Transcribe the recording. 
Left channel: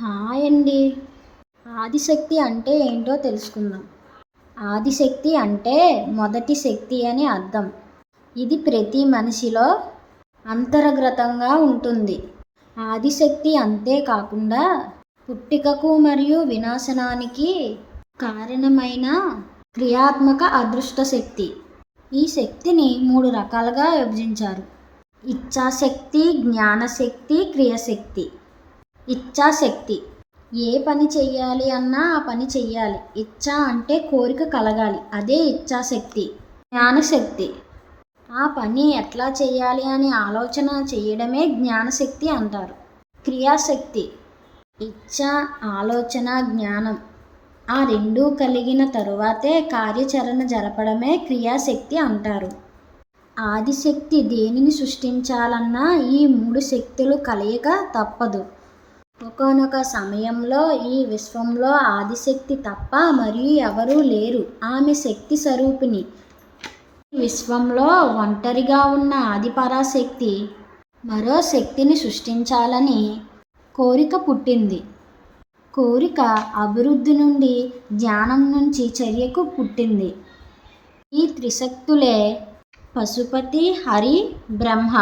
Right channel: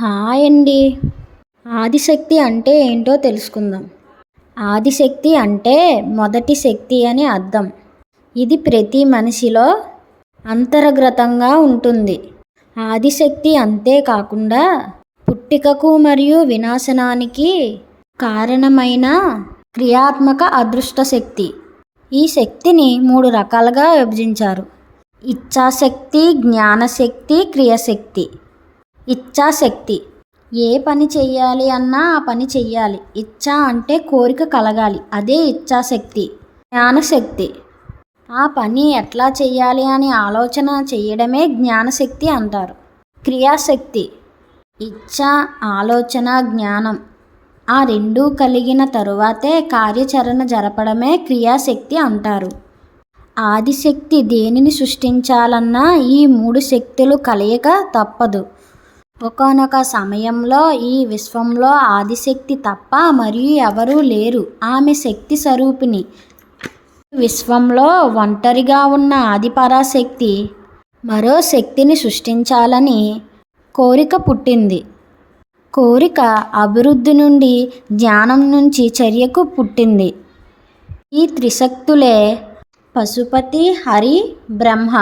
Hi అండి. ఆదిశక్తి అంటే ఏంటో తెలుసుకుందాం. ఆదిశక్తి అంటే మొదటి శక్తి అని అర్థం. ఇది ప్రతి మనిషిలో అంతర్గతంగా ఉంటుంది. ఆదిశక్తి అంతేకాకుండా పుట్టికకు మరియు వినాశనానికి కారణమైన క్రియాత్మక అదృష్ట శక్తి. ఈ శక్తిని మూడు రకాలుగా విభజించారు. ఇచ్ఛాశక్తి జ్ఞానశక్తి క్రియశక్తి. ఇచ్ఛాశక్తి. ఏ పని చెయ్యాలి అన్నా ఆ పని చెయ్యాలి. ఇచ్ఛ అంటే కోరిక కలగాలి. అదే ఇచ్ఛాశక్తి. జ్ఞానశక్తి. ఆ పని ఎట్లా చెయ్యాలి అని ఆలోచన చేయడమే జ్ఞానశక్తి అంటారు. క్రియాశక్తి. ఇచ్ఛ ఆలోచన జ్ఞానం. ఆ రెండూ కలిగిన తరువాతే కార్యాచరణ జరపడమే క్రియాశక్తి అంటారు. ఆదిశక్తి దేనిని సృష్టించాలన్నా ఈ మూడు శక్తులు కలయిక తప్పదు. ఒకనొక సమయంలో ఈ విశ్వంలో ఆదిశక్తి తప్ప మరియు ఎవరూ లేరు. ఆమె శక్తి స్వరూపిణి. విశ్వంలో ఒంటరిగా ఉన్న ఆదిపరాశక్తి మరో శక్తిని సృష్టించాలని కోరిక పుట్టింది. కోరిక అభివృద్ధి నుండి జ్ఞానం నుంచి చర్యకు పుట్టింది. ఈ త్రిశక్తులే పశుపతి హరి బ్రహ్మ.